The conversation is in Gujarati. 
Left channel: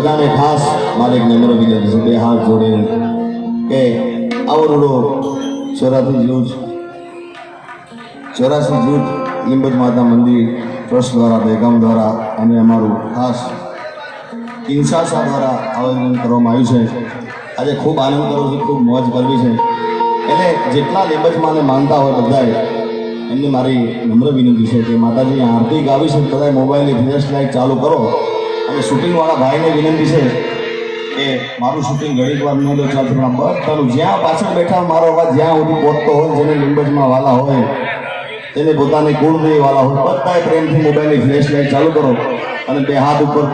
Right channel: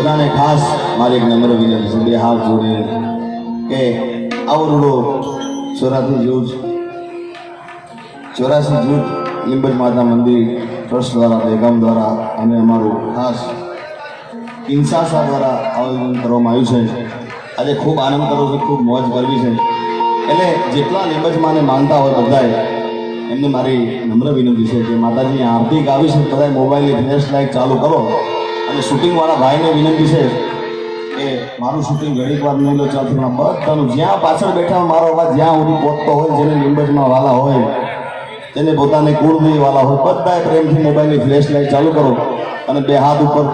બધાને ખાસ મારે એક નમ્ર વિનંતી છે, બે હાથ જોડીને કે આવડો 84 જૂથ લીંબજ માતા મંદિર ટ્રસ્ટ દ્વારા બેગામ દ્વારા અને અમારું ખાસ ઇન્સાસા દ્વારા આયોજન કરવામાં આવ્યું છે। આજે ખૂબ આનંદ કરું છું, ખૂબ મોજ કરવી છે। એટલે જેટલા લીંબજ માને માનતા હોય બધાએ એમને મારી નમ્ર વિનંતી છે કે માતાજી આરતી ગાવી છે, બધાએ મોબાઈલની ફ્લેશ લાઇટ ચાલુ કરો અને શૂટિંગવાળા ભાઈને વિનંતી છે કે મારું શૂટિંગ ઘડીક વાર નહીં લો, ચાલતું બધાનું જ્યાં પાછળ બેઠા મારો અવાજ જ્યાં સુધી પહોંચતો હોય, જેને લીંબજમાં વાલા હોય, તેને પોતાને કુળદેવી વાલા હોય, બધાએ પ્રેમથી મોબાઈલની ફ્લેશ લાઇટ ચાલુ કરો અને બે હાથ ઉપર